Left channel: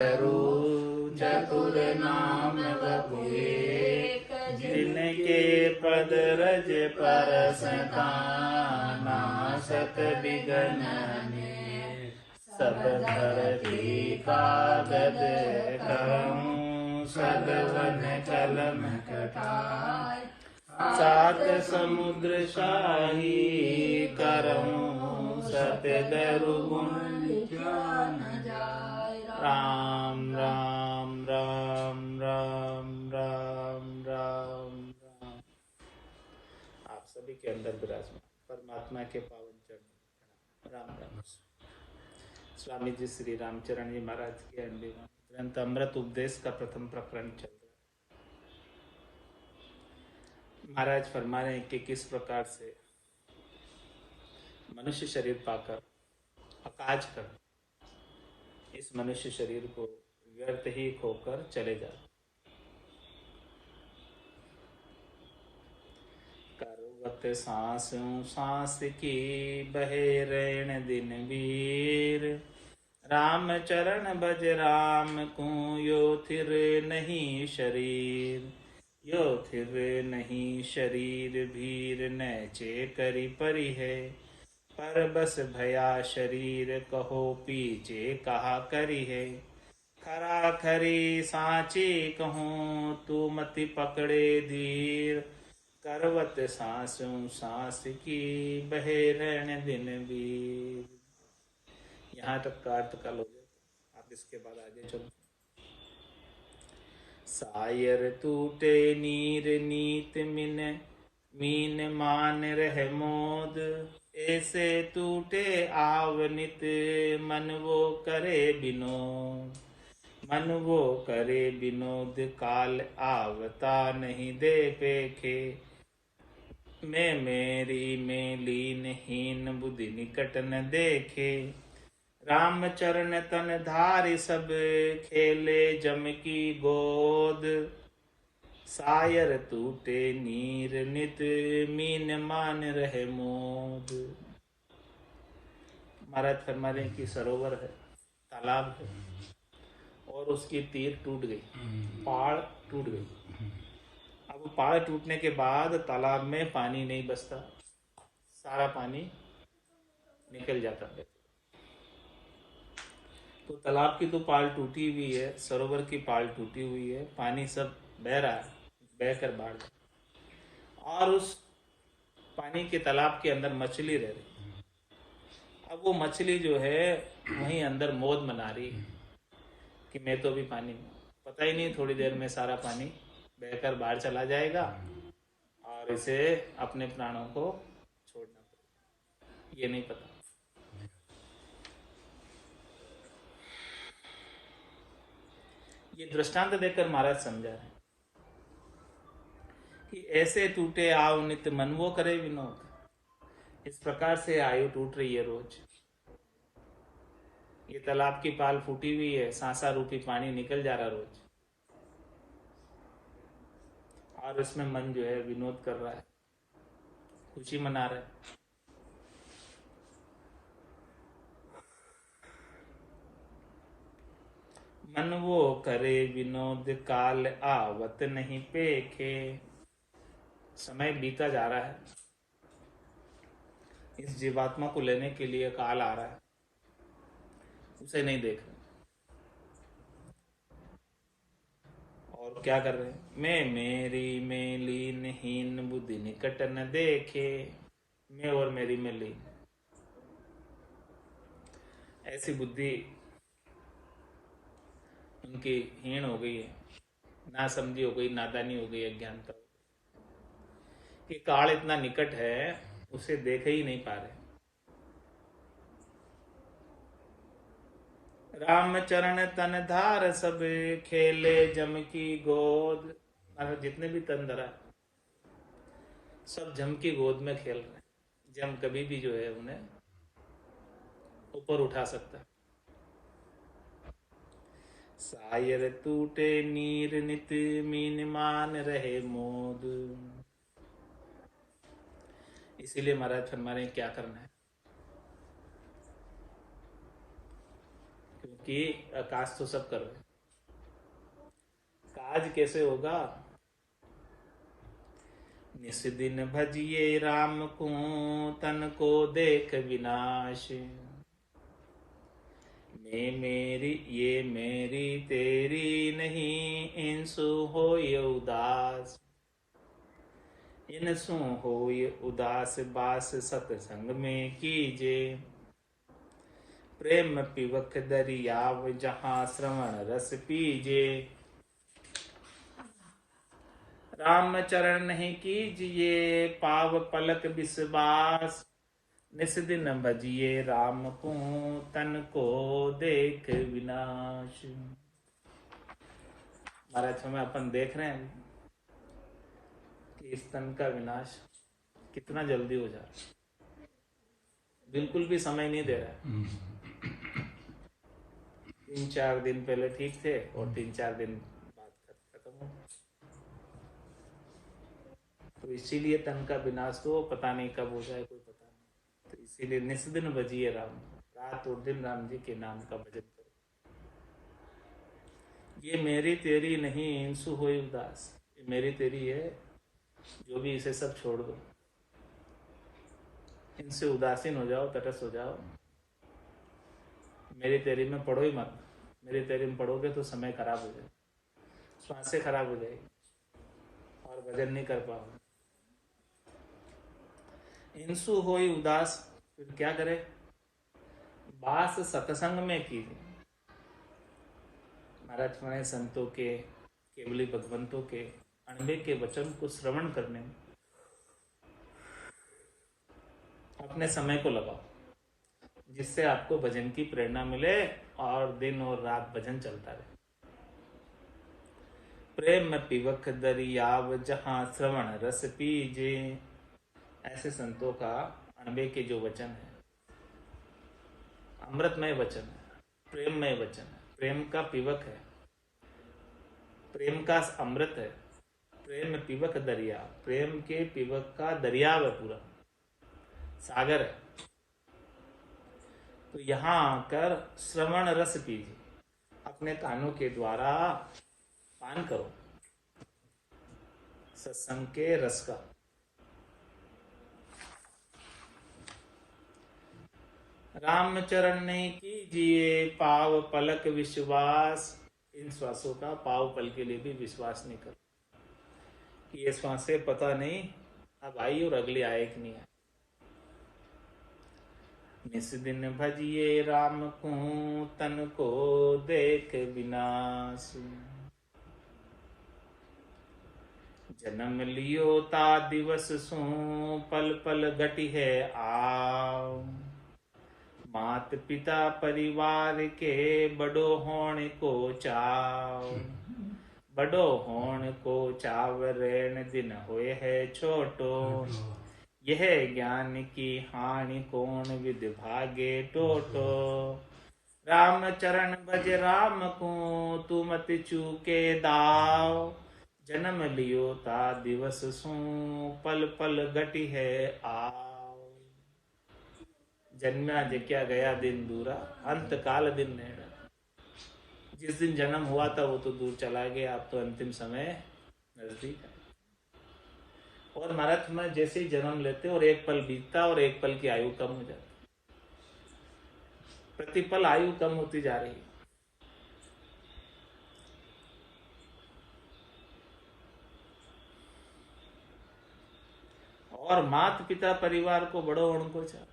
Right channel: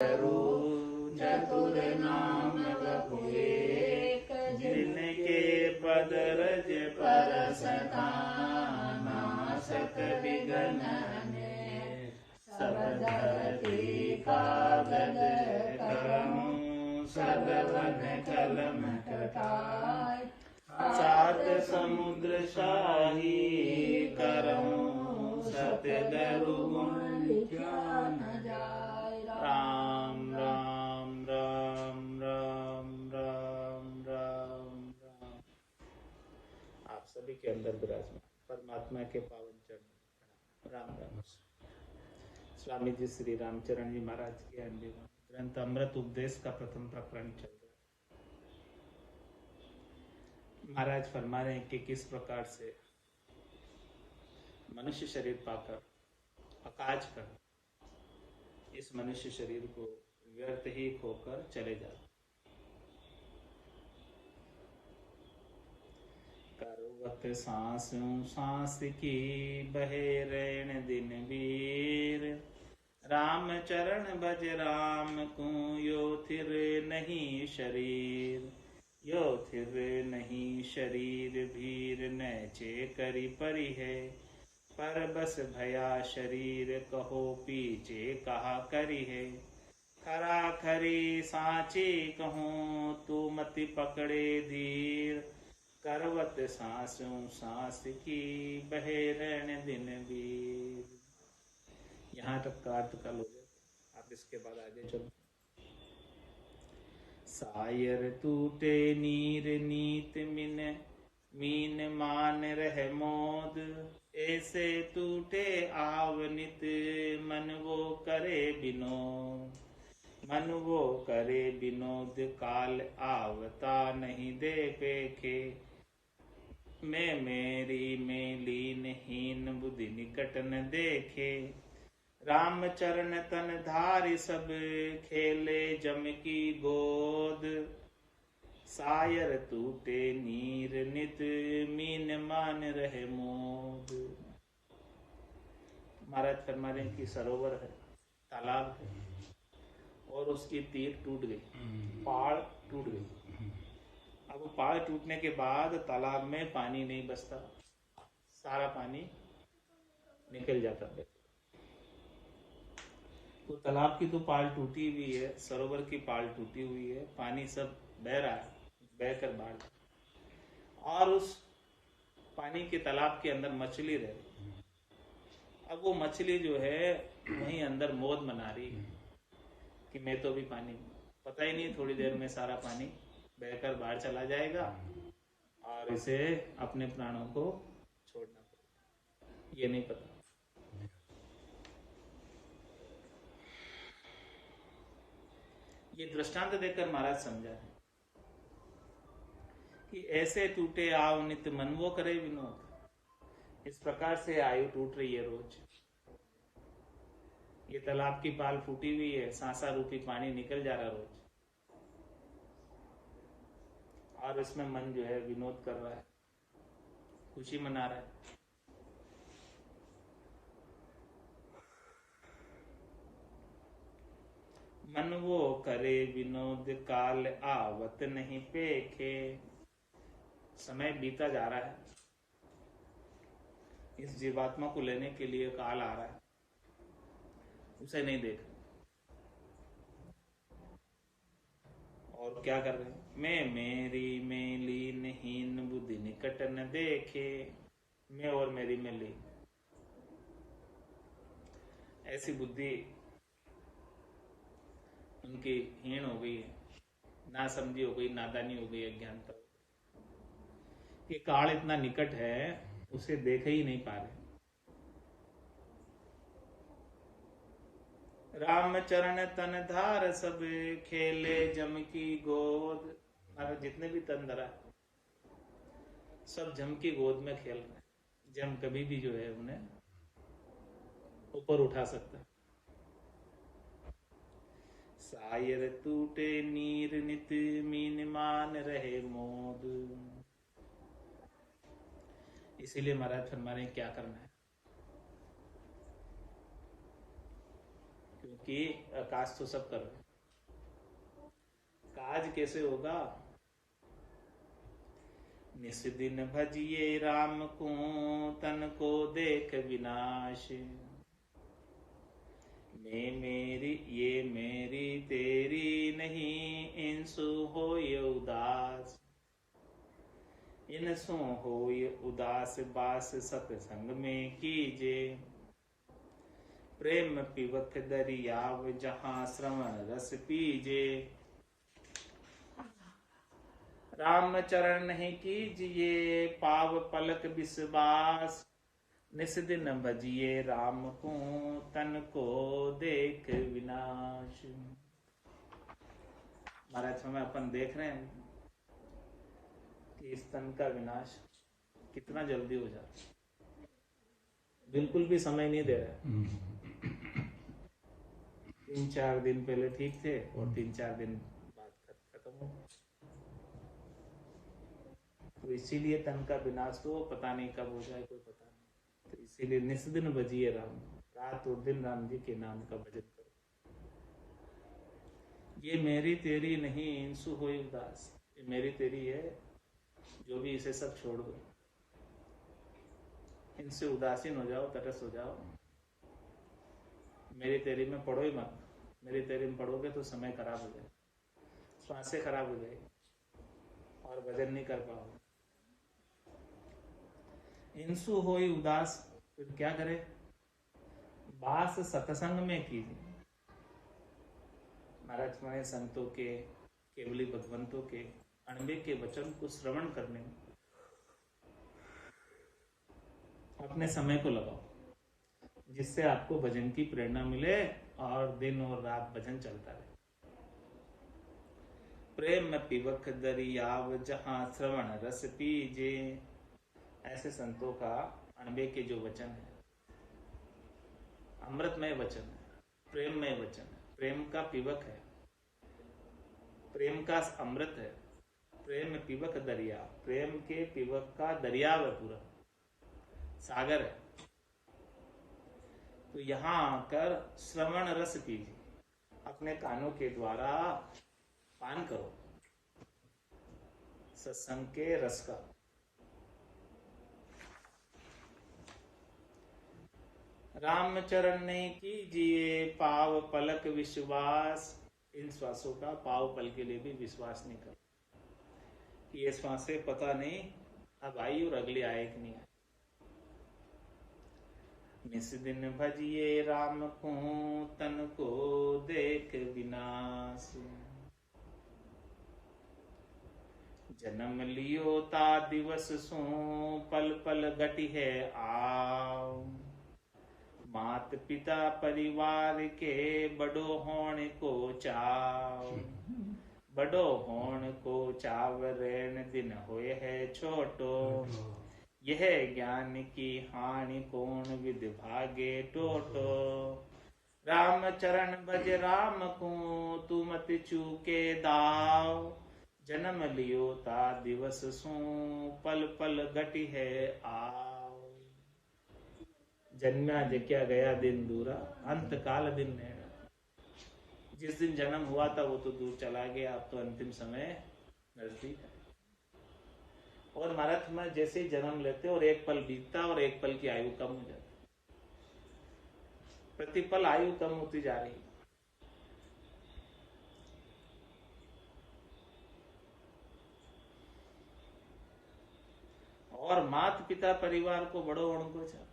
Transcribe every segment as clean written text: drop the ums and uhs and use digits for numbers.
चतुर नाम बबुए, जिनके पद रज परसताना, सत बिगन सब धरती कागज कहूँ, सदवन कलम कटाय, सात समुद्र शाही करऊँ, सत्य दरुगुण ज्ञान जाय। राम राम राम राम राम राम राम। आप सभी के अंदर विराजमान परमात्मा के पावन चरण राम राम। स्वामी जी श्री रामचरण जी महाराज के ग्रंथ अमृत उपदेश का प्रथम प्रकरण चल रहा है। महाराज फरमा रहे हैं कि किस प्रकार से मनुष्य शरीर पाकर अकाज कर इस मनुष्य शरीर को व्यर्थ ही खोकर चले जाते। करवत सांसों सांस की बहे रैन दिन वीर, राम चरण भज राम को यो थिर नहीं शरीर, यो थिर नहीं शरीर भीर नैचे करी परी है, पर बस भया शरीर कहो पीछे कहा करी है, खरा खरी सांची कहूँ तू मति पकड़े धीर, करवत सांसों सांस की बहे रहने दिन बीर। यहाँ तक का अर्थ कल हो जाता, आप इसके बाद आगे चलो। सायर टूटे नीर नीत मिन मीन मान रह मोद, ऐसे टूटे आवनित मन वो करे विनोद, मन वो करे विनोद काल आवता नहीं दे पेखे, मैं मेरी में लीन हीन बुद्धि निकट न देखे, राम चरण तन धारि सब खेले जम की गोद, सायर टूटे नीर नित मीन मान रहे मोद। महाराज फरमा रहे कि सरोवर है, तालाब है और उसकी तीर टूट गई, पहाड़ टूट गई। अब पहाड़ टूटने के बाद तालाब में पानी नहीं बचता, सारा पानी निकल जाता है। तो तालाब की तो पाल टूटी हुई है, सरोवर की पाल टूटी हुई है, पानी सब बह रहा है, बहकर बाढ़, और उस पानी के तालाब के अंदर मछली रह रही। अब वो मछली जो है वहीं अंदर मौज मना रही है कि मैं तो भी पानी में, पता ही नहीं थोड़ी देर में सारा पानी बहकर बाहर चला जाएगा और इसे अपने प्राणों को छोड़ना पड़ेगा, ये नहीं पता। ये दृष्टांत देकर महाराज समझा है कि ऐसे टूटे आव नित्य मन वो करे विनोद, इस प्रकार से आयु टूट रही है रोज। ये तालाब की पाल फूटी हुई है, सांसा रूपी पानी निकल जा रहा रोज, और इसमें मन जो है विनोद कर रहा है, खुशी मना रहा है। मन वो करे विनोद काल आवत नहीं पेखे, समय बीता जा रहा है, इस जीवात्मा को लेने के लिए काल आ रहा है, उसे नहीं देख रहे। और क्या कर रहे हैं, मैं मेरी में लीन हीन बुद्धि निकट न देखे, मैं और मेरी में लीन, ऐसी बुद्धि उनकी हीन हो गई है, ना समझी हो गई, नादानी हो गई, अज्ञानता। ये काल इतना निकट है उसे देख ही नहीं पा रहे। राम चरण तन धार सब खेले जम की गोद, जितने भी तन धरा सब जम की गोद में खेल रहे हैं। जम कभी भी जो है उन्हें ऊपर उठा सकता है। सायर टूटे नीर नित मीन मान रहे मोद, इसीलिए महाराज फरमा रहे क्या करना है, कि आकाश तो सब कर रहे, काज कैसे होगा? निस दिन भजिए राम को, तन को देख विनाश। ये मेरी तेरी नहीं, इनसु होय उदास। इनसु होय उदास बास, सतसंग में कीजे। प्रेम पिबक दरियाव, जहाँ श्रवण रस पीजे। राम चरण नहीं कीजिए, पाव पलक विश्वास। निस दिन भजिए राम को, तन को देख विनाश। महाराज समय अपन देख रहे हैं कि इस तन का विनाश कितना जल्दी हो जा रहा है, बिल्कुल भी समय नहीं दे रहा है। 3-4 दिन पहले ठीक थे और 3-4 दिन बाद खत्म हो। तो इसीलिए तन का विनाश तो पता नहीं कब हो जाए, कोई पता नहीं। तो इसीलिए निस दिन भजिए राम, रात और दिन राम जी के नाम का भजन करो। ये मेरी तेरी नहीं, इंसु होय उदास। ये मेरी तेरी है, जो भी इसे सब छोड़ दो, इनसे उदासीन हो जाओ, तटस्थ हो जाओ। मेरी तेरी में पढ़ो ही मत। मेरी तेरी में पढ़ोगे तो समय खराब हो जाए, स्वास्थ्य खराब हो जाएगी और भजन नहीं कर पाओगे। इंसु होई उदास, फिर क्या करे? बास सत्संग में कीजिए। महाराज हमारे संतों के, केवली भगवंतों के अणबे के वचन को श्रवण करने में अपने समय को लगाओ, जिससे आपको भजन की प्रेरणा मिले और दिन और रात भजन चलता रहे। प्रेम पिबक दरियाव, जहां श्रवण रस पीजे। ऐसे संतों का अणबे के जो वचन है, अमृतमय वचन है, प्रेममय वचन है, प्रेम का पिबक है, प्रेम का अमृत है। प्रेम पिबक दरिया, प्रेम के पिबक का दरिया है, पूरा सागर है। तो यहां आकर श्रवण रस पीजिए, अपने कानों के द्वारा पान करो सत्संग के रस का। राम चरण नहीं कीजिए, पाव पलक विश्वास। इन श्वासों का पाव पल के लिए भी विश्वास नहीं करो कि ये श्वासें पता नहीं अब आई और अगली आए कि नहीं आए। निस दिन भजिए राम को, तन को देख विनाश। जन्म लियो ता दिवस सो, पल पल घटी है आव। मात पिता परिवार के, बड़ो होण को चाव। बड़ो होण को चाव, रेण दिन होए है छोटो। यह ज्ञान की हानि, कौन विद भागे टोटो। राम चरण भज राम को, तू मत चूके दाव। जन्म लियो ता दिवस सो, पल पल घटी है आव। जन्मा जक्या गया दिन दूरा, अंत काल दिन नेड़ा। जिस दिन जन्म हुआ था वो तो दूर चला गया, अब तो अंतिम समय नजदीक है। और महाराज में जैसे ही जन्म लेते और एक पल बीतता और एक पल की आयु कम हो जाती, प्रतिपल आयु कम होती जा रही है। और माता पिता परिवार को बड़ो होने को चाह।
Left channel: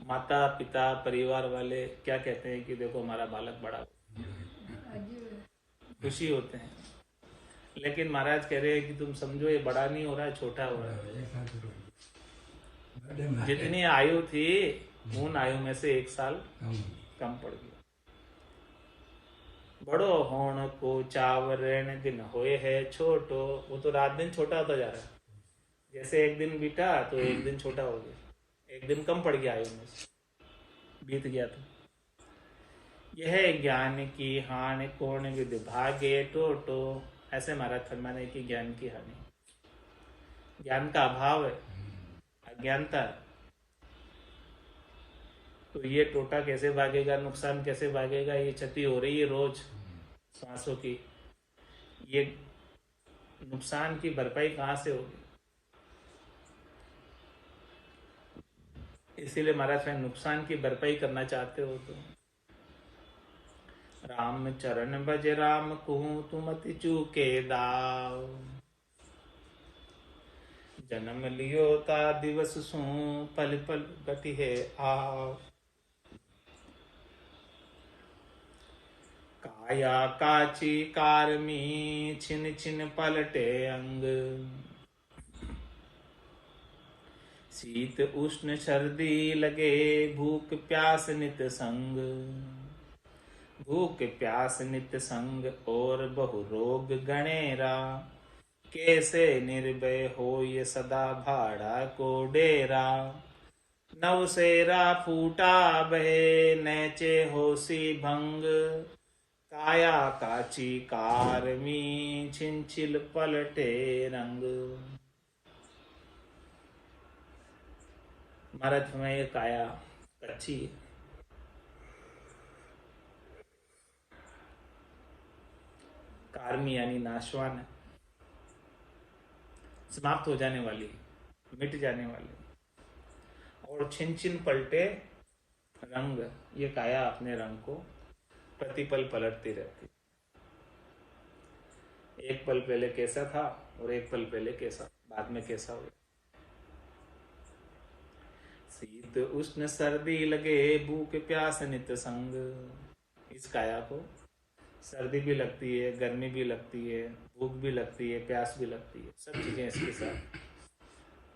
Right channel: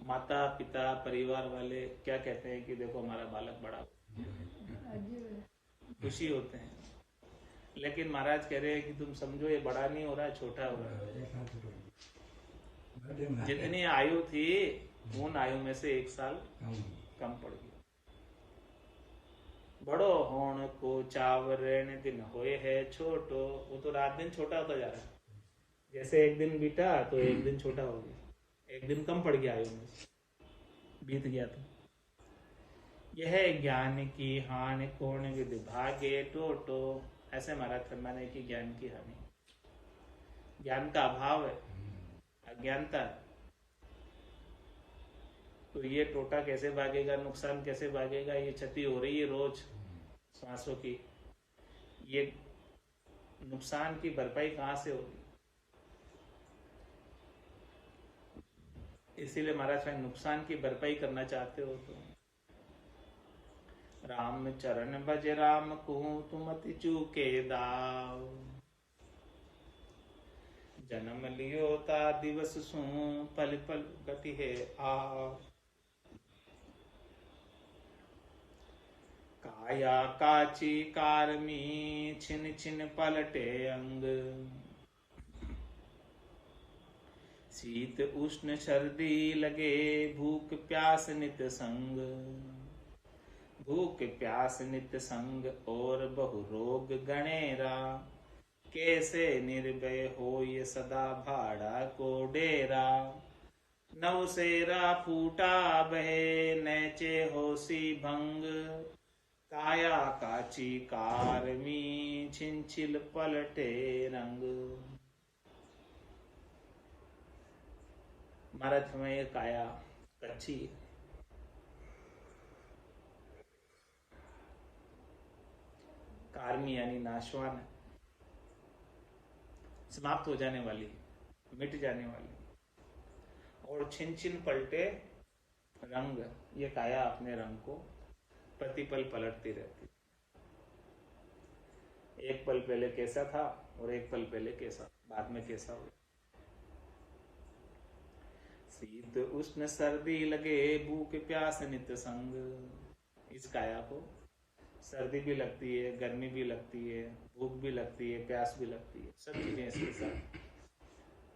माता पिता परिवार वाले क्या कहते हैं कि देखो हमारा बालक बड़ा हो, खुशी होते हैं। लेकिन महाराज कह रहे हैं कि तुम समझो ये बड़ा नहीं हो रहा है, छोटा हो रहा है। जितनी आयु थी उन आयु में से 1 साल कम पड़ गया। बड़ो होण को चाव, रेण दिन होए है छोटो। वो तो रात दिन छोटा होता जा रहा है। जैसे एक दिन बीता तो एक दिन छोटा हो गया, एक दिन कम पड़ गया आयु में से, बीत गया। तो यह ज्ञान की हानि, कौन विद भागे टोटो। ऐसे महाराज फरमाने की ज्ञान की हानि, ज्ञान का अभाव है, अज्ञानता है। तो ये टोटा कैसे भागेगा, नुकसान कैसे भागेगा, ये क्षति हो रही है रोज सांसों की, ये नुकसान की भरपाई कहाँ से होगी। इसीलिए महाराज मैं नुकसान की भरपाई करना चाहते हो तुम, राम चरण भज राम कहूँ तुम अति चूके दाव, जन्म लियो ता दिवस सू पल पल गति है आव, काया काची कारमी छिन छिन पलटे अंग, शीत उष्ण सर्दी लगे भूख प्यास नित संग, भूख प्यास नित संग और बहु रोग गणेरा, कैसे निर्भय हो ये सदा भाड़ा को डेरा, नवसेरा फूटा बहे नैचे होसी भंग, काया काची कारमी छिंचिल पलटे रंग। महाराज में ये काया कच्ची है, कार्मी यानी नाशवान है, समाप्त हो जाने वाली, मिट जाने वाली, और छिन छिन पलटे रंग, ये काया अपने रंग को प्रतिपल पलटती रहती, एक पल पहले कैसा था और एक पल पहले कैसा, बाद में कैसा हो। शीत उष्ण सर्दी लगे भूख प्यास नित संग, इस काया को सर्दी भी लगती है, गर्मी भी लगती है, भूख भी लगती है, प्यास भी लगती है, सब चीजें इसके साथ,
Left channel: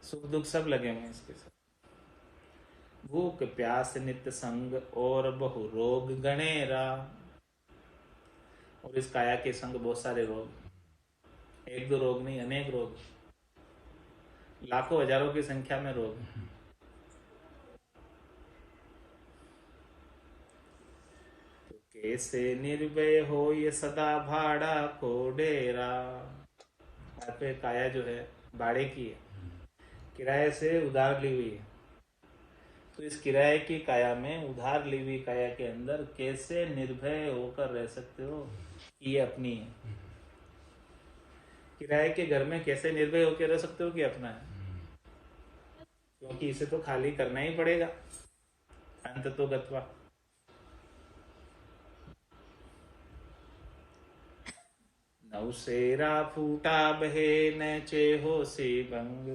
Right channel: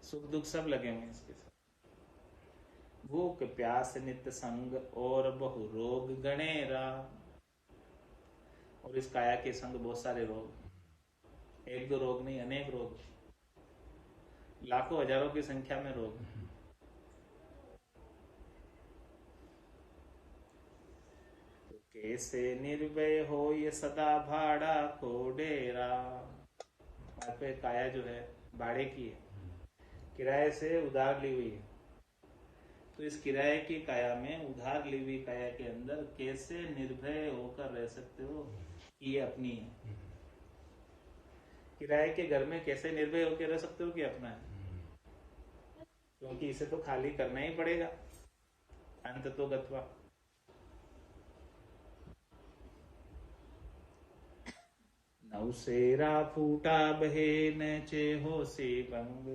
सुख दुख सब लगे हुए इसके साथ। भूख प्यास नित संग और बहु रोग गणेरा, और इस काया के संग बहुत सारे रोग, एक दो रोग नहीं, अनेक रोग, लाखों हजारों की संख्या में रोग। तो कैसे निर्भय हो ये सदा भाड़ा को डेरा, पे काया जो है भाड़े की है, किराए से उधार ली हुई है, तो इस किराए की काया में, उधार ली हुई काया के अंदर कैसे निर्भय होकर रह सकते हो, ये अपनी है। किराए के घर में कैसे निर्भय होकर रह सकते हो कि अपना है, क्योंकि इसे तो खाली करना ही पड़ेगा अंत तो गत्वा। नवसेरा फूटा बहे नैचे होसी भंग,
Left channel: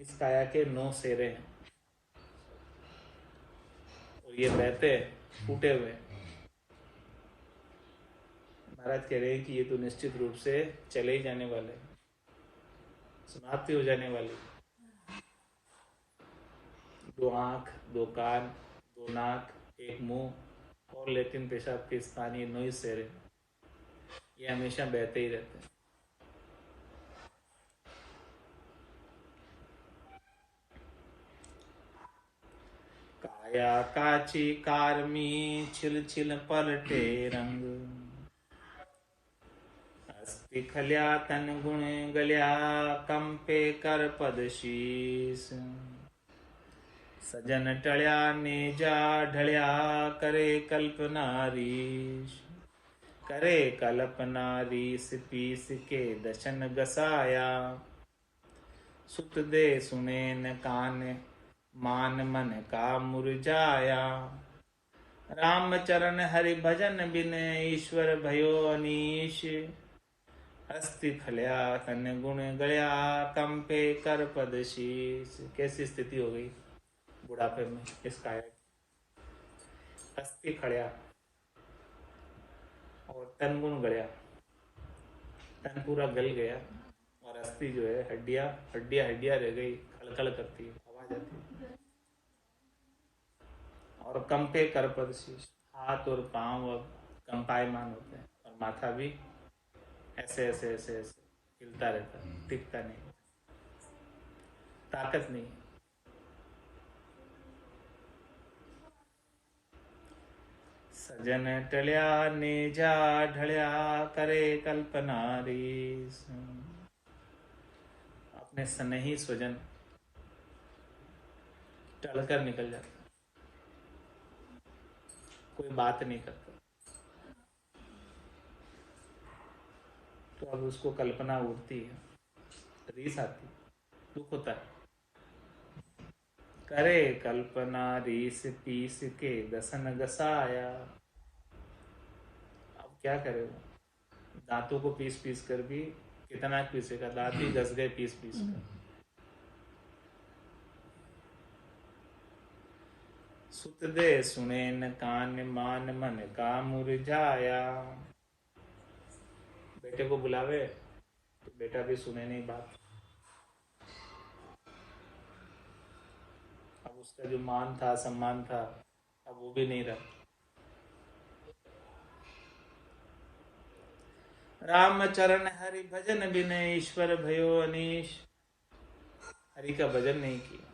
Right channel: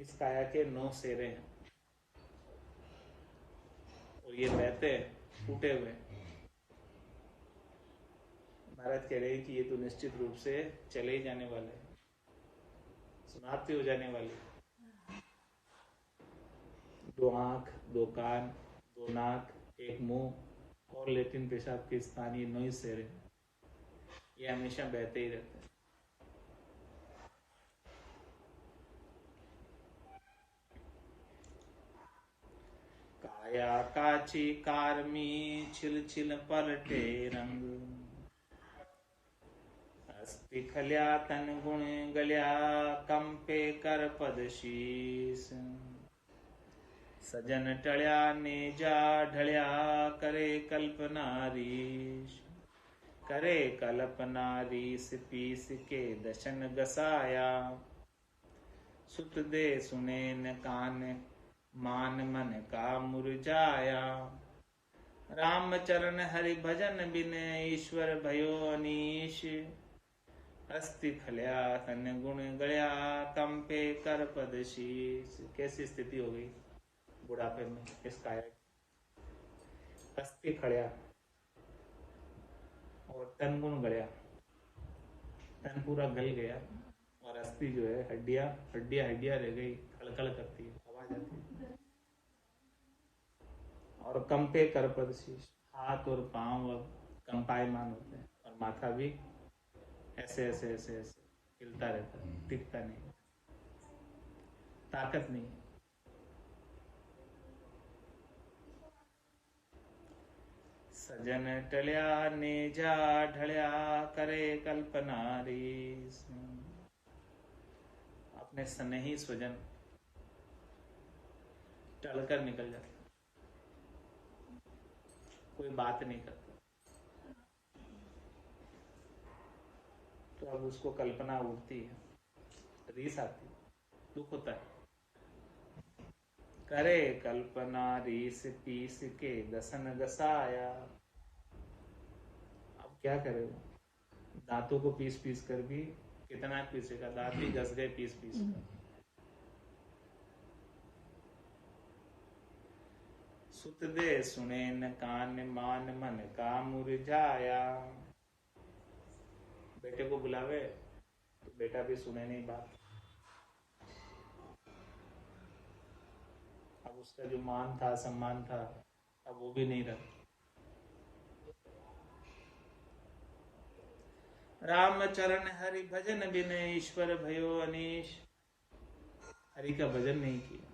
इस काया के 9 सेरे हैं और ये बहते फूटे हुए। महाराज कह रहे हैं कि ये तो निश्चित रूप से चले ही जाने वाले, समाप्ति हो जाने वाली। 2 आंख, 2 कान, 2 नाक, 1 मुंह और लेटिन पेशाब के स्थानीय 9 सेरे, ये हमेशा बहते ही रहते हैं। काया काची कारमी छिल छिल पलटे रंग, अस्थि खल्या तन गुण गल्या कंपे कर पद शीस, सजन टळ्या नेजा ढळ्या करे कल्पनारीश, करे कल्पनारीस पीस के दशन गसाया, सुत दे सुने न कान मान मन का मुरझाया, राम चरण हरि भजन बिन ईश्वर भयो अनीश, अस्थि खल्या तन गुण गल्या कंपे कर पद शीश। कैसी स्थिति हो गई बुढ़ापे में इस काया की, अस्थि खल्या और तन गुण गया, तन पूरा गल गया और अस्थि जो है हड्डियां हड्डियां हड्डियां रह गई, खड़खड़ करती है, आवाज आती है। और कंपे कर पद शीश, हाथ और पांव अब कंपायमान होते हैं और माथा भी ऐसे ऐसे ऐसे ऐसे हिलता रहता है, टिकता नहीं, ताकत नहीं। सजन टल्या नेजा ढळ्या करे कल्पनारीस, अपने स्नेही स्वजन टलकर निकल जाता, कोई बात नहीं करता। तो अब उसको कल्पना उठती है, रीस आती है, दुख होता है। करे कल्पना रीस पीस के दसन गसाया। अब क्या करे वो, दांतों को पीस पीस कर भी कितना पीसेगा, दांत ही घस गए पीस पीस कर। सुत दे सुने न कान मान मन का मुरझाया। बेटे को बुलावे तो बेटा भी सुने नहीं बात। अब उसका जो मान था, सम्मान था, अब वो भी नहीं रहा। राम चरण हरि भजन बिने ईश्वर भयो अनीश। हरि का भजन नहीं किया,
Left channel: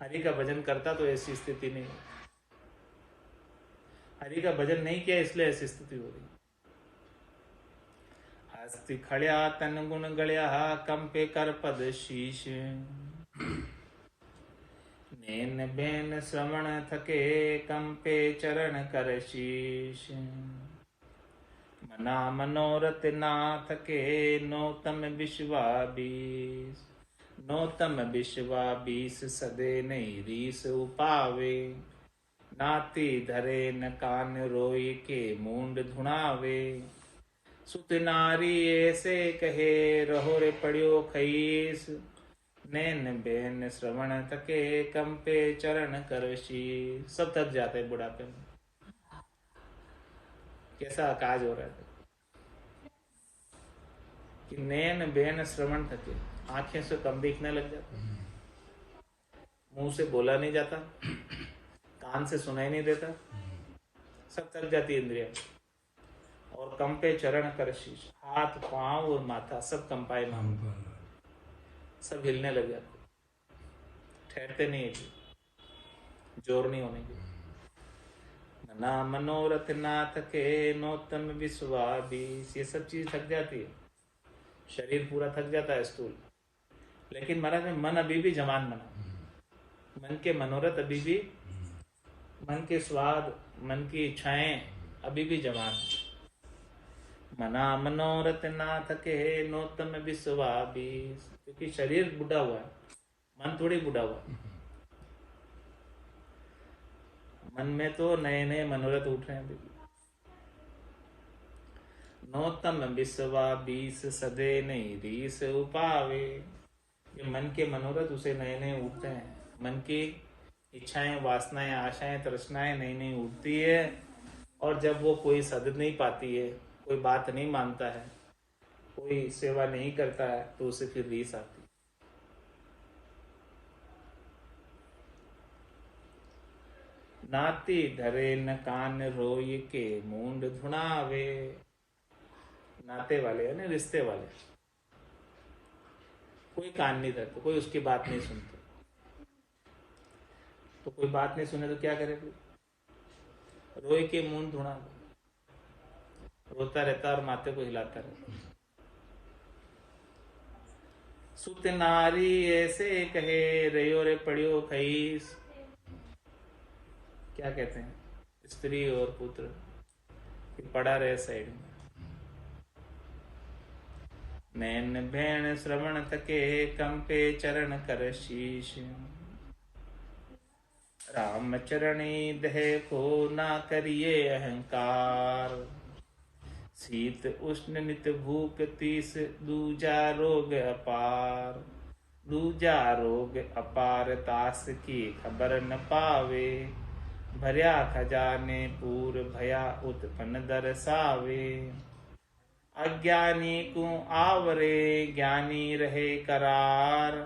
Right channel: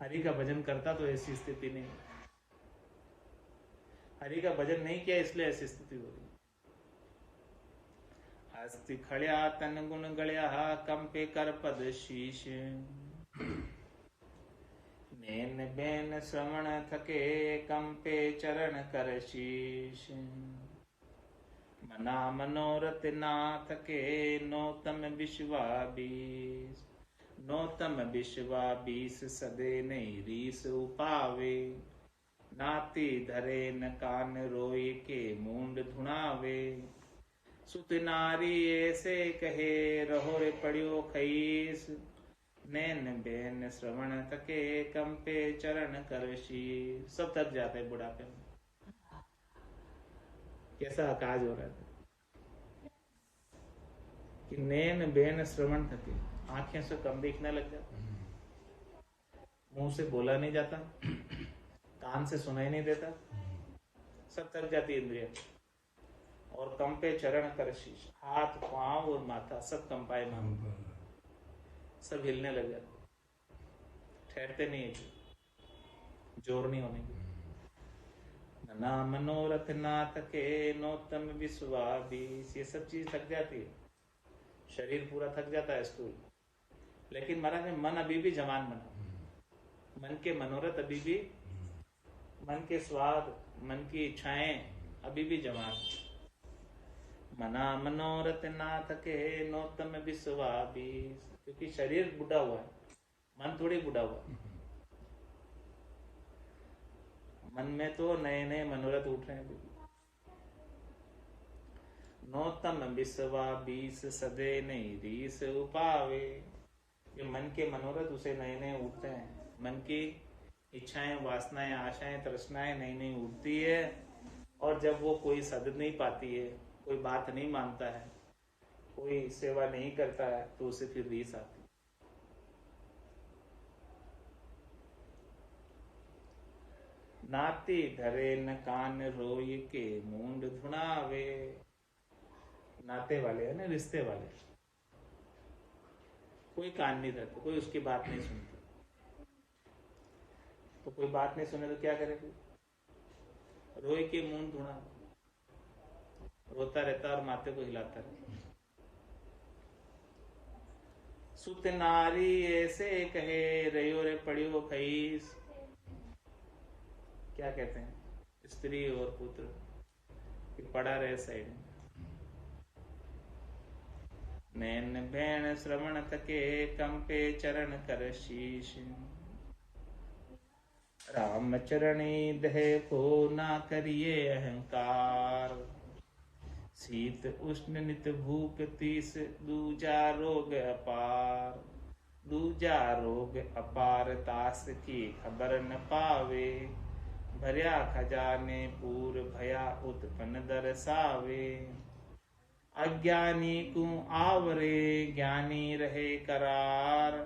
हरि का भजन करता तो ऐसी स्थिति नहीं। हरि का भजन नहीं किया इसलिए ऐसी स्थिति हो रही। अस्ति खड़िया तन गुण गड़िया कंपे कर पद शीश। नैन बैन श्रवण थके कंपे चरण कर शीश। मना मनोरथ ना थके नौतम विश्वाबीस। नौतम विश्वाबीस सदे नहीं रीस उपावे। नाती धरे न कान रोई के मूंड धुणावे। सुत नारी ऐसे कहे रहो रे पड़ियो खईस। नैन बैन श्रवण थके कंपे चरण कर शीस। सब थक जाते बुढ़ापे में। कैसा काज हो रहा है कि नैन बैन श्रवण थके, आंखें से कम दिखने लग जाता, मुंह से बोला नहीं जाता, कान से सुनाई नहीं देता, सब थक जाती इंद्रिया। और कंपे चरण कर शीश, हाथ पांव और माथा सब कंपायमान, सब हिलने लग जाते, ठहरते नहीं है, जोर नहीं होने की। ना मनोरथ ना थके नौतम विश्वाबीस। ये सब चीज थक जाती है, शरीर पूरा थक जाता है स्थूल, लेकिन महाराज में मन अभी भी जवान बना। मन के मनोरथ अभी भी, मन के स्वाद, मन की इच्छाएं अभी भी जवान। मना मनोरथ ना थके नौतम विश्वाबीस। क्योंकि शरीर बुढ़ा हुआ है, मन थोड़ी बुढ़ा हुआ है। मन में तो नए नए मनोरथ उठ रहे हैं अभी। नौतम विश्वाबीस सदे नहीं रीस उपावे। ये मन के मनोरथ उसे नए नए उठते हैं। मन की इच्छाएं, वासनाएं, आशाएं, तृष्णाएं नई नई उठती है। और जब वो कोई सद नहीं पाती है, कोई बात नहीं मानता है, कोई सेवा नहीं करता है, तो उसे फिर रीस आती। नाती धरे न कान रोय के मूंड धुनावे। नाते वाले है ना, रिश्ते वाले, कोई कान नहीं धरते, कोई उसकी बात नहीं सुनते। तो कोई बात नहीं सुने तो क्या करेगी, रोए के मूंड धुना, रोता रहता और माथे को हिलाता रहता। सुत नारी ऐसे कहे रयो रे पड़ियो खईस। क्या कहते हैं, स्त्री और पुत्र कि पड़ा रहे साइड में। नैन बैन श्रवण थके कंपे चरण कर शीश। राम चरणी दह को ना करिए अहंकार। शीत उष्ण नित भूख तीस दूजा रोग अपार। दूजा रोग अपार तास की खबर न पावे। भर्या खजाने पूर भया उत्पन्न दरसावे। अज्ञानी को आवरे ज्ञानी रहे करार।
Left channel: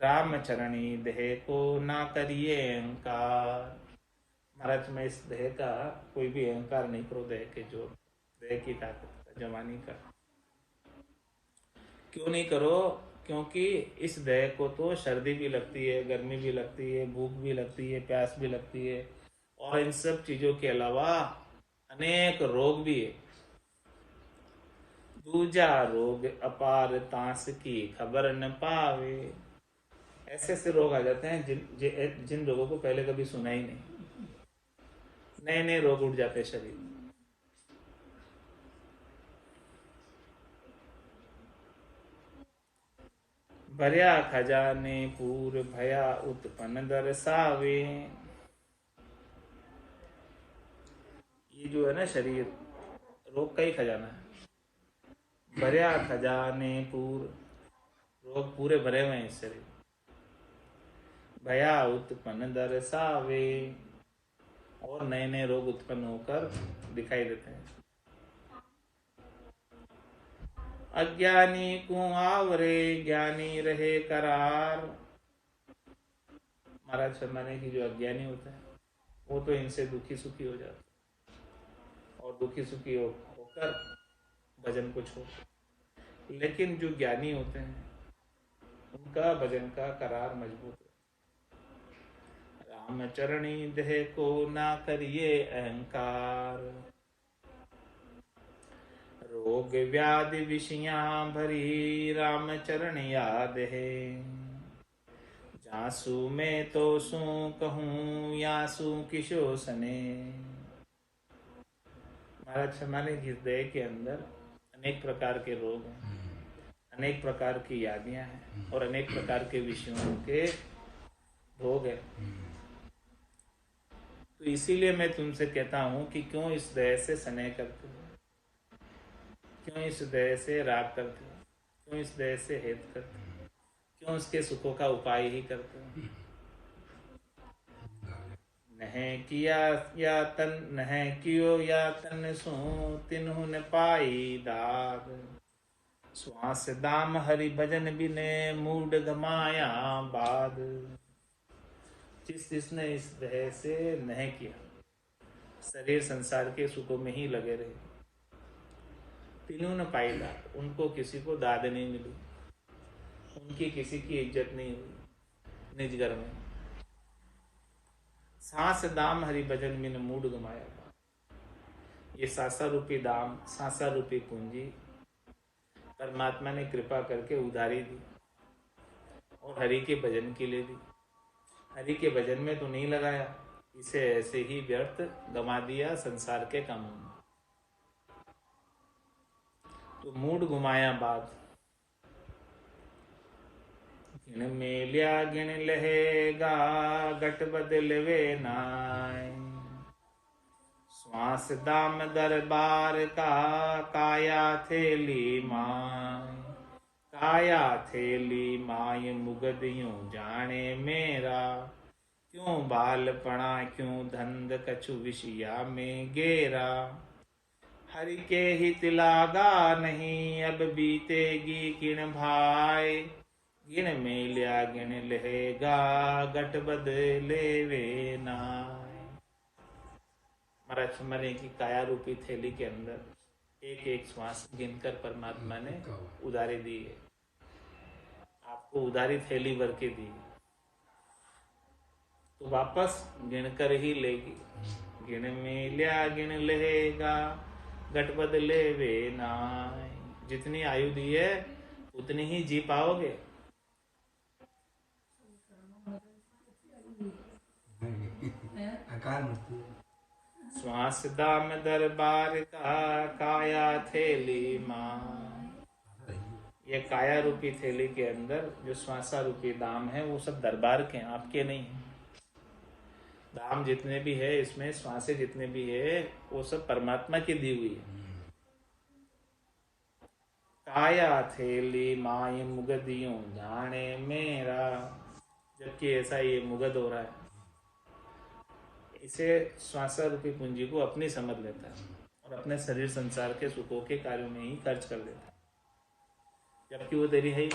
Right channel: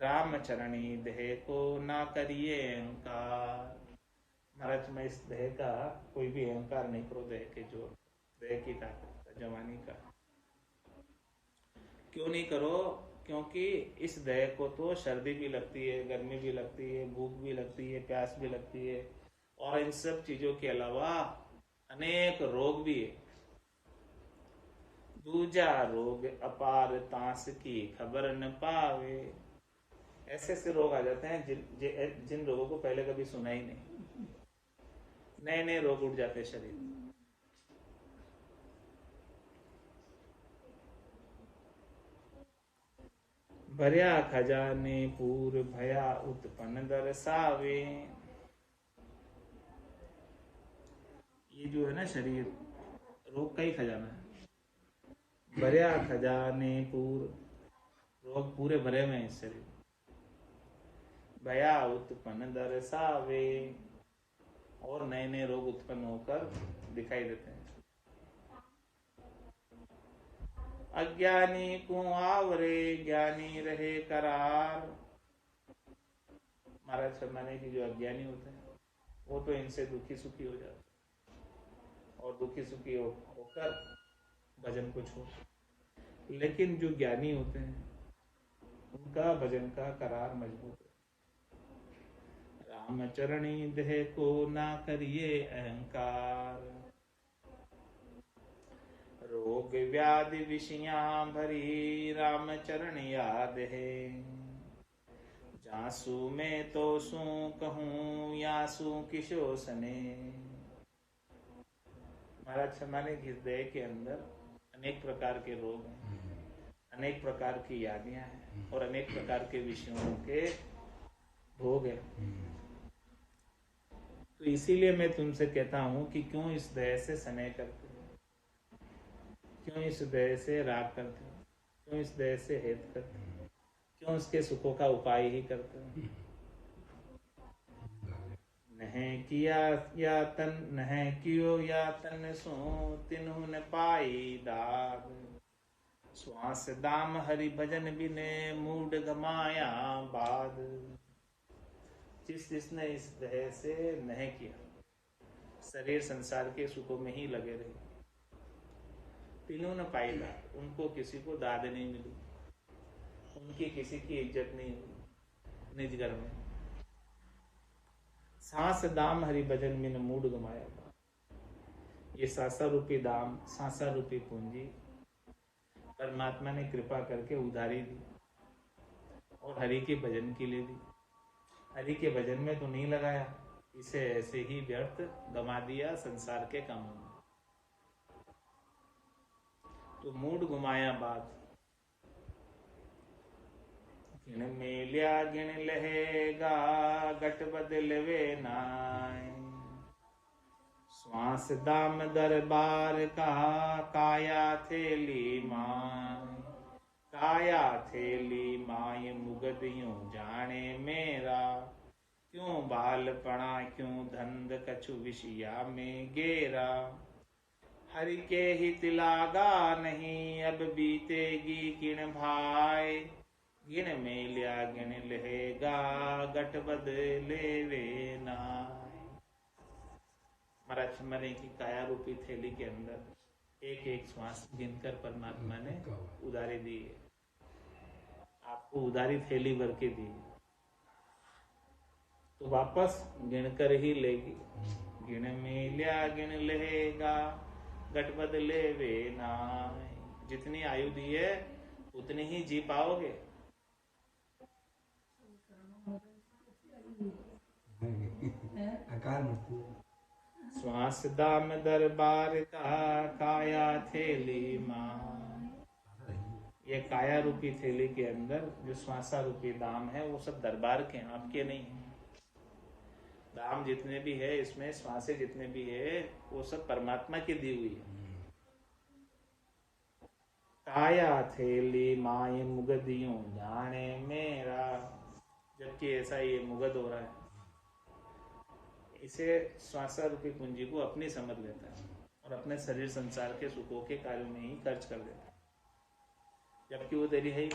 राम चरणी देह को ना करिए अहंकार। महाराज में इस देह का कोई भी अहंकार नहीं करो, देह के जोर, देह की ताकत, जवानी का क्यों नहीं करो। क्योंकि इस देह को तो सर्दी भी लगती है, गर्मी भी लगती है, भूख भी लगती है, प्यास भी लगती है, और इन सब चीजों के अलावा अनेक रोग भी है। दूजा रोग अपार तांस की खबर न पावे। ऐसे ऐसे रोग आ जाते हैं जिन लोगों को पहले कभी सुना ही नहीं, नए नए रोग उठ जाते हैं शरीर में। भर्या खजाने पूर भया उत्पन्न दर्शावे। ये जो है ना शरीर, रोग का ही खजाना है। भर्या खजाने पूर, रोग पूरे भरे हुए हैं इस शरीर। भया उत्पन्न दर्शावे, और नए नए रोग उत्पन्न होकर दिखाई देते हैं। अज्ञानी को आवरे ज्ञानी रहे करार। महाराज शर्माने की जो अज्ञानी होता है वो तो इनसे दुखी सुखी हो जाता है, और दुखी सुखी होकर भजन को छोड़। लेकिन जो ज्ञानी होते हैं उनका भजन का करार मजबूत है। राम चरणी देह को ना करिए अहंकार, रोग व्याधि विषयां भरी राम चरण याद है। जासु में तो सू कहूँ यासु किशो सने। महाराज शर्माने की हृदय के अंदर अनेक प्रकार के रोग हैं, अनेक प्रकार की यादियां हैं, और अनेक प्रकार के विषयों के भोग है। तो इसीलिए मैं तुमसे कहता हूं कि क्यों इस देह से स्नेह करते हो, क्यों इस देह से राग करते हो, क्यों इस देह से हेत करते हो, क्यों उसके सुखों का उपाय ही करते हो। नह किया या तन, नह कियो या तन सो तिन्हु न पाई दाद। श्वास दाम हरि भजन बिने मूड गमाया बाद। जिसने इस देह से नह किया, शरीर संसार के सुखों में ही लगे रहे, तीनों न पाई दाद, उनको किसी को दाद नहीं मिली, उनकी किसी की इज्जत नहीं हुई निज घर में। सांस दाम हरि भजन बिन मूड गमाया था। ये सांसा रूपी दाम, सांसा रूपी पूंजी परमात्मा ने कृपा करके उधारी दी, और हरि के भजन के लिए दी। हरि के भजन में तो नहीं लगाया, इसे ऐसे ही व्यर्थ गमा दिया संसार के कामों में। तो मूड गुमाया बात, गिन मेलिया गिन लहेगा गट बदलवे नाय। श्वास दाम दरबार का काया थेली माय। काया थेली माय मुगद यूं जाने मेरा। क्यों बालपना क्यों धंध कछु विषया में गेरा। हरि के हित लागा नहीं अब बीतेगी किण भाई। गिन मेलिया गिन लहेगा गट बदले वे नाय। महाराज मने की काया रूपी थैली के अंदर एक एक श्वास गिनकर परमात्मा ने उधारी दी है, आपको उधारी थैली भर के दी, तो वापस गिनकर ही लेगी। गिन मेलिया गिन लेगा गट बदले वे नाय। जितनी आयु दी है उतनी ही जी पाओगे। श्वास दाम दरबार का काया थैली मां। ये काया रूपी थैली के अंदर जो श्वासा रूपी दाम है वो सब दरबार के हैं, आपके नहीं है। दाम जितने भी है इसमें, श्वासे जितने भी है, वो सब परमात्मा की दी हुई है। काया थैली माय मुगदियों जाने मेरा। जबकि ऐसा ये मुगद हो रहा है, इसे श्वासा रूपी पूंजी को अपनी समझ लेता है और अपने शरीर संसार के सुखों के कार्यों में ही खर्च कर देता है, जबकि वो तेरी है ही।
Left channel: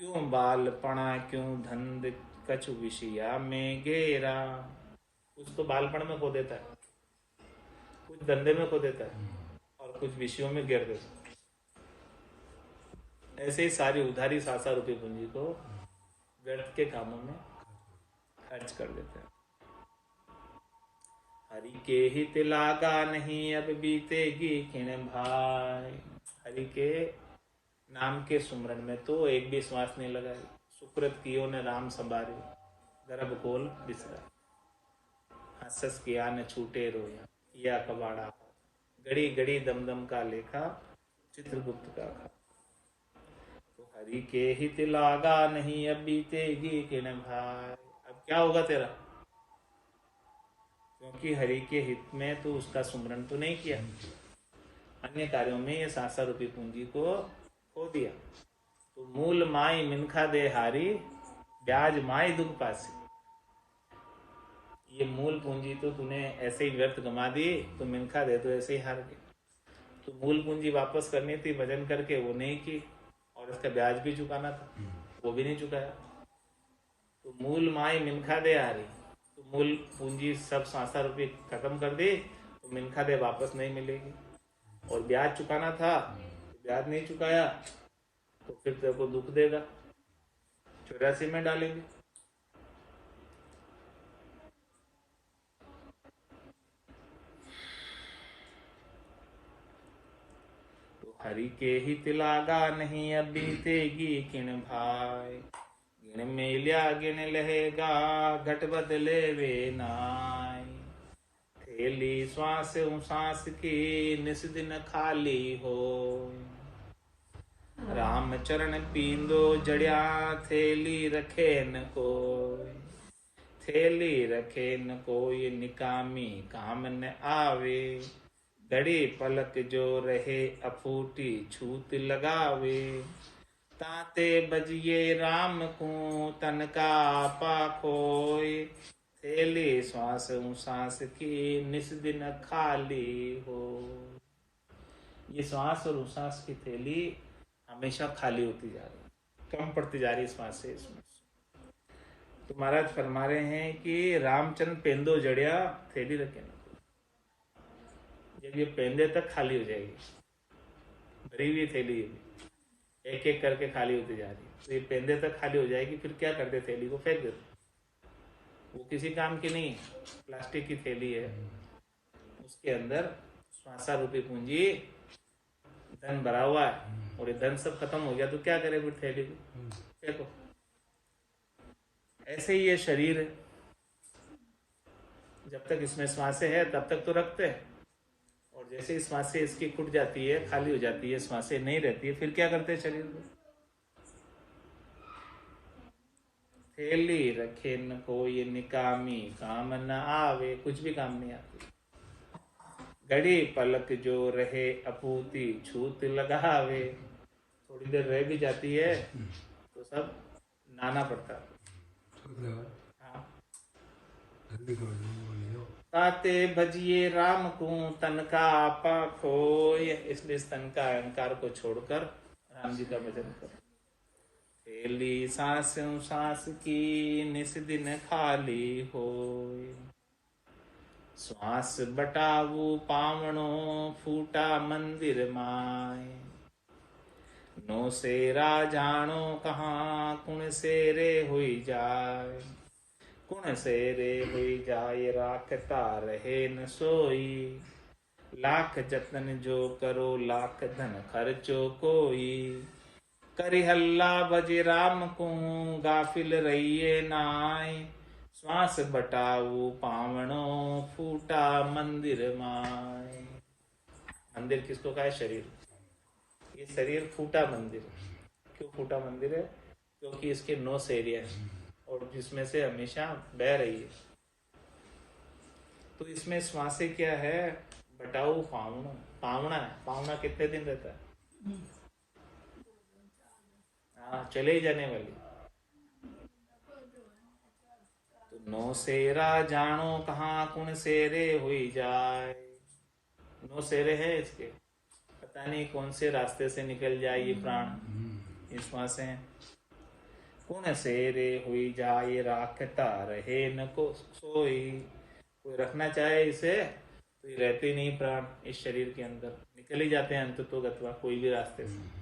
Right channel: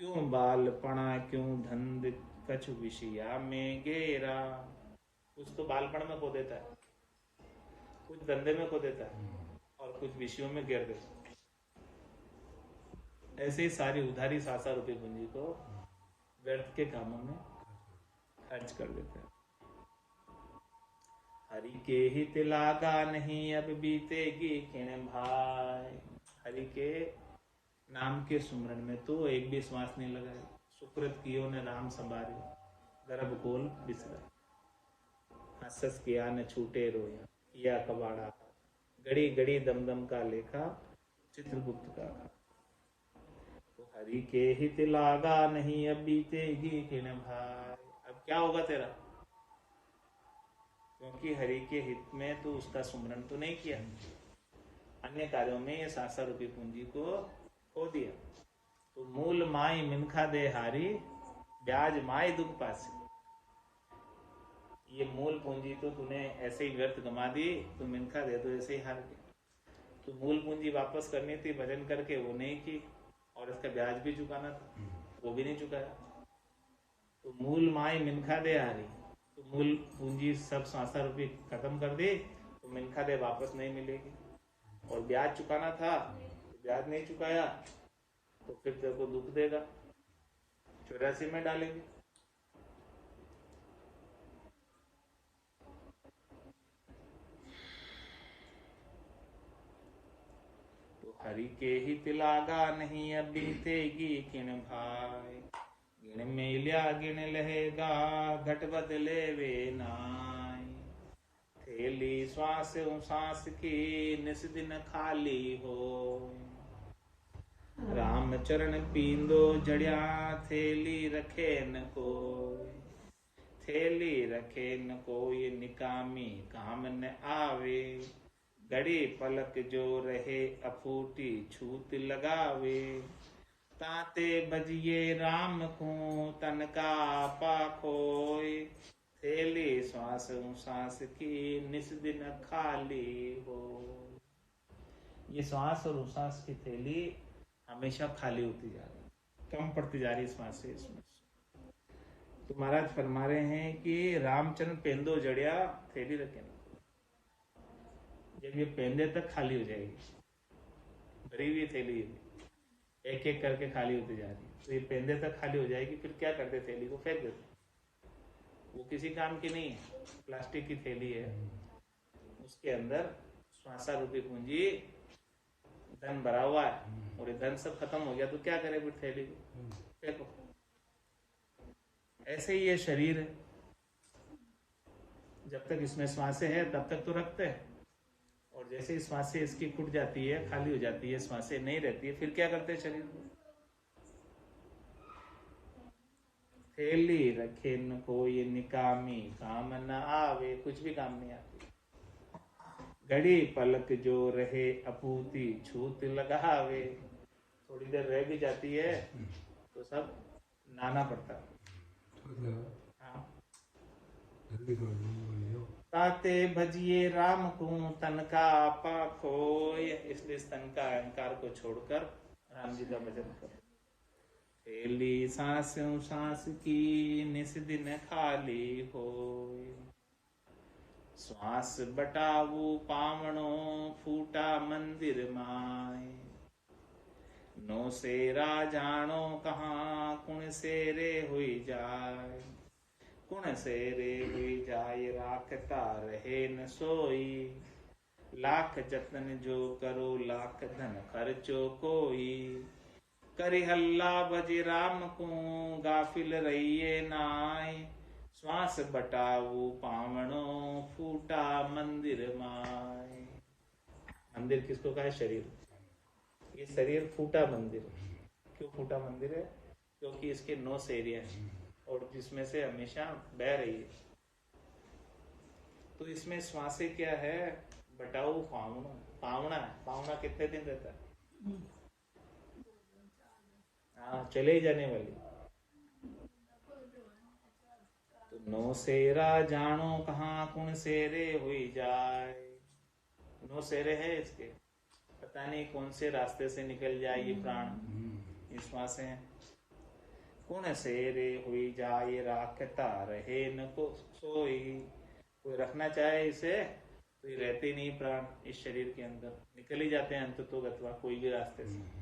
क्यों बालपना क्यों धंध कछु विषया में गेरा। कुछ तो बालपन में खो देता है, कुछ धंधे में खो देता है, और कुछ विषयों में गिर देता है। ऐसे ही सारी उधारी सासा रूपी पूंजी को व्यर्थ के कामों में खर्च कर देता है। हरि के हित लागा नहीं अब बीतेगी किण भाई। हरि के नाम के सुमरण में तो एक भी श्वास नहीं लगाई। सुकृत कियो ने राम सबारे, गर्भ खोल बिसरा, हंसस किया न छूटे रोया, या कबाड़ा, गड़ी गड़ी दमदम का लेखा, चित्रगुप्त का खा। तो हरि के हित लागा नहीं, अब बीतेगी किण भाई। अब क्या होगा तेरा, क्योंकि हरि के हित में तो उसका सुमरण तो नहीं किया, अन्य कार्यों में ये सासा रूपी पूंजी को खो दिया। तो मूल माई मिनखा दे हारी, ब्याज माई दुख पासी। ये मूल पूंजी तो तूने ऐसे ही व्यर्थ गंवा दी, तो मिनखा दे तो ऐसे ही हार गया। तो मूल पूंजी वापस करनी थी भजन करके, वो नहीं की, और इसका ब्याज भी चुकाना था, वो भी नहीं चुकाया। तो मूल माई मिनखा दे हारी, तो मूल पूंजी सब सासा रुपये खत्म कर दी, तो मिनखा दे वापस नहीं मिलेगी। और ब्याज चुकाना था, ब्याज नहीं चुकाया, तो फिर तेरे को दुख देगा, 84 में डालेंगे। तो हरि के हित लागा नहीं, अब बीतेगी किण भाई। गिण मेल्या गिण लहेगा, घट बदले वे नाई। थैली श्वास सांस की, निस दिन खाली हो। राम चरण पींदो जड़िया, थैली रखे न कोई। थैली रखे न कोई, निकामी काम न आवे। घड़ी पलक जो रहे, अफूटी छूत लगावे। ताते बजिए राम को, तन का आपा खोए। थैली श्वास सांस की, निस दिन खाली हो। ये श्वास और उश्वास की थैली हमेशा खाली होती जा रही, कम पड़ती जा रही श्वास से इसमें। तो महाराज फरमा रहे हैं कि रामचंद्र पेंदो जड़िया, थैली रखे ना। जब ये पेंदे तक खाली हो जाएगी, भरी हुई थैली एक एक करके खाली होती जा रही है, तो ये पेंदे तक खाली हो जाएगी, फिर क्या करते, थैली को फेंक देते। वो किसी काम की नहीं है, प्लास्टिक की थैली है, उसके अंदर श्वासा रूपी पूंजी धन भरा हुआ है, और ये धन सब खत्म हो गया तो क्या करे, फिर थैली को फेंको। ऐसे ही ये शरीर है, जब तक इसमें श्वासें है तब तक तो रखते हैं, और जैसे ही श्वासें इसकी खुट जाती है, खाली हो जाती है, श्वासें नहीं रहती है, फिर क्या करते हैं शरीर को, थैली रखे न कोई, निकामी काम न आवे, कुछ भी काम नहीं आती। घड़ी पलक जो रहे, अपूती छूत लगावे। थोड़ी देर रह भी जाती है तो सब नाना पड़ता। हाँ। ताते भजिए राम को, तन का आपा खोय। इसलिए इस तन का अहंकार को छोड़कर राम जी का भजन करो। थैली सांस सांस की, निस दिन खाली होय। श्वास बटाऊ पावणो, फूटा मंदिर माय। नो सेरा जानो कहाँ, कुण सेरे हुई जाय। कुण सेरे हुई जाय, राखता रहे न सोई। लाख जतन जो करो, लाख धन खर्चो कोई। करि हल्ला भज राम को, गाफिल रहिए नाय। श्वास बटाऊ पावणो, फूटा मंदिर माय। मंदिर किसको कहा है, शरीर। ये शरीर फूटा मंदिर। क्यों फूटा मंदिर है, क्योंकि इसके 9 सेरिया है, और जिसमें से हमेशा बह रही है। तो इसमें श्वासे क्या है, बटाऊ पावणो, पावना है। पावना कितने दिन रहता है, हाँ, चले ही जाने वाली। तो 9 सेरा जानो कहाँ, कुण सेरे हुई जाए। 9 सेरे हैं इसके, पता नहीं कौन से रास्ते से निकल जाए ये प्राण, ये श्वासें। कुण सेरे हुई जाए, राखता रहे न को सोई। कोई रखना चाहे इसे तो ये रहते नहीं प्राण इस शरीर के अंदर, निकल ही जाते हैं अंत तो गतवा, कोई भी रास्ते से।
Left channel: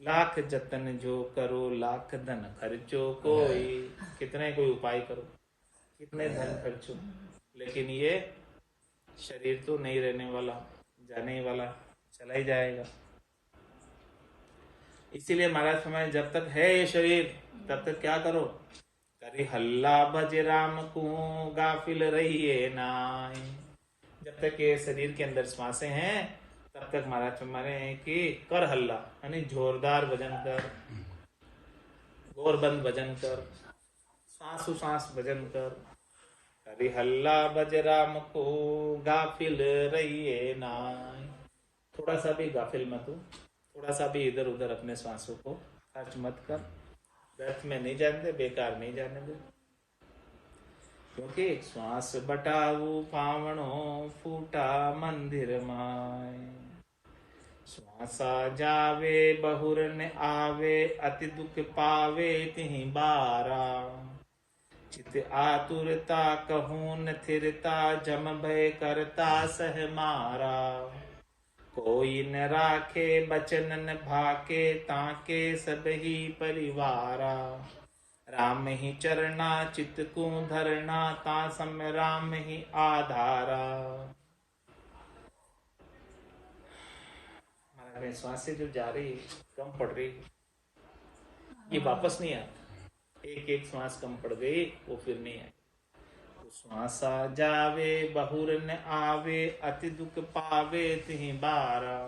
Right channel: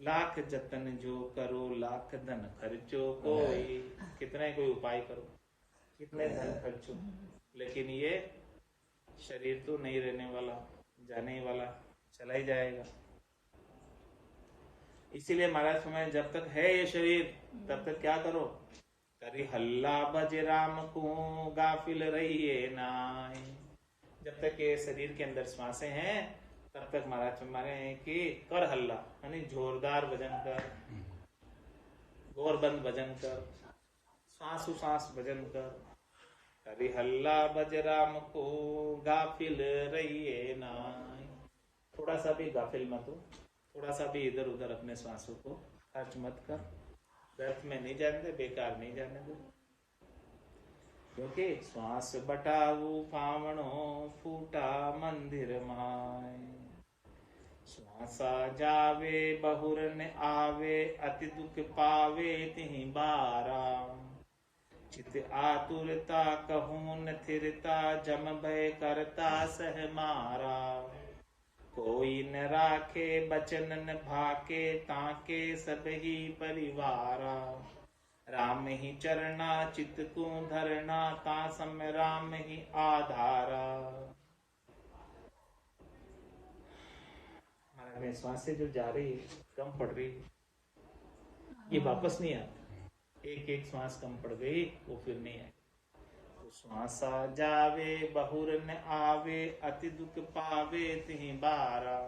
लाख जतन जो करो, लाख धन खर्चो कोई। कितने कोई उपाय करो, कितने धन खर्चो, लेकिन ये शरीर तो नहीं रहने वाला, जाने वाला, चला ही जाएगा। इसीलिए महाराज फरमाए जब तक है ये शरीर तब तक क्या करो, करी हल्ला भज राम को गाफिल रहिए नाय। जब तक ये शरीर के अंदर श्वासें हैं तब तक महाराज फरमाने हैं कि कर हल्ला, यानी जोरदार भजन कर, गोरबंद भजन कर, सांसु सांस भजन कर। हरि हल्ला भज राम को गाफिल रहिए नाय। थोड़ा सा भी गाफिल मत हो, थोड़ा सा भी इधर उधर अपने श्वासों को खर्च मत कर, व्यर्थ में नहीं जाने दे, बेकार नहीं जाने दे। क्योंकि श्वास बटाऊ पावणो फूटा मंदिर माय। श्वासा जावे बहुर न आवे अति दुख पावे तिहि बारा। चित आतुरता कहूँ न थिरता जम भय करता सह मारा। कोई न राखे बचन न भाके ताके सब ही परिवारा। राम ही चरना चित को धरना ता सम राम ही आधारा। हमारे श्वास से जो जा रही है, कम पड़ रही है, ये वापस नहीं आती। एक एक श्वास कम पड़ गई वो फिर नहीं आई। श्वासा जावे बहुर न आवे अति दुख पावे तिहि बारा।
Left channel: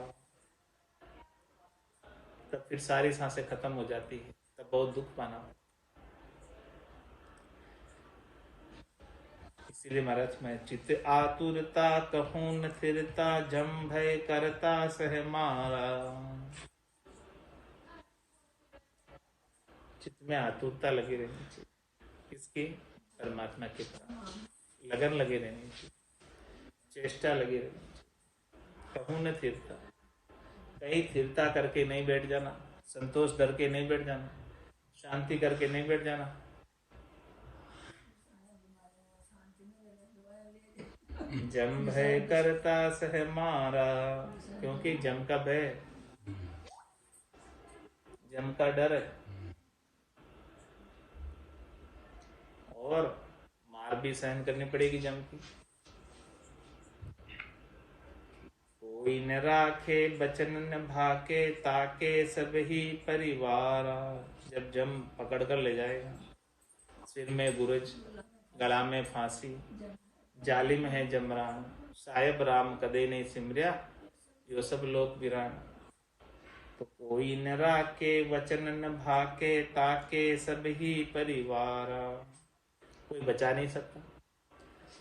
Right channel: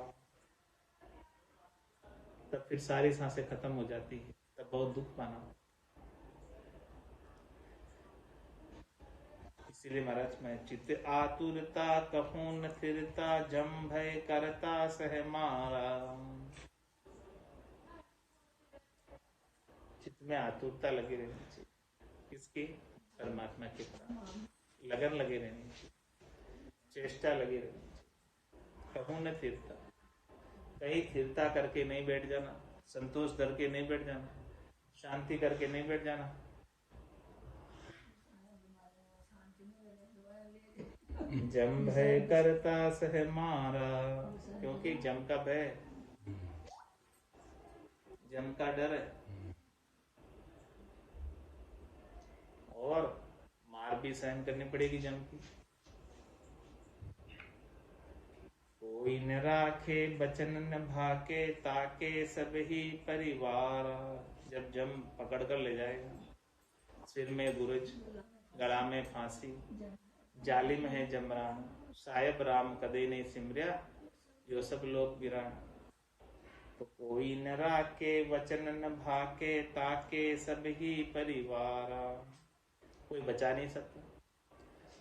तब फिर सारी सांसें खत्म हो जाती है, तब बहुत दुख पाना। इसीलिए महाराज में चित आतुरता कहूँ न थिरता जम भय करता सह मारा। चित्त में आतुरता लगी रहनी चाहिए, किसकी? परमात्मा के प्रति लगन लगे रहनी चाहिए, चेष्टा लगी रहनी चाहिए। कहूँ न थिरता, कहीं थिरता करके नहीं बैठ जाना, संतोष डर के नहीं बैठ जाना, शांति करके नहीं बैठ जाना। जम भय करता सह मारा। क्योंकि जम का भय, जम का डर है, और मार भी सहन करनी पड़ेगी जम की। कोई न राखे बचन न भाके ताके सब ही परिवारा। जब जम पकड़ कर ले जाएगा, सिर में बुरज, गला में फांसी, जालिम है जमरान, साहेब राम कदे नहीं सिमरिया, जो सब लोग विरान। तो कोई न राखे वचन न भाके ताके सब ही परिवारा। कोई बचा नहीं सकता,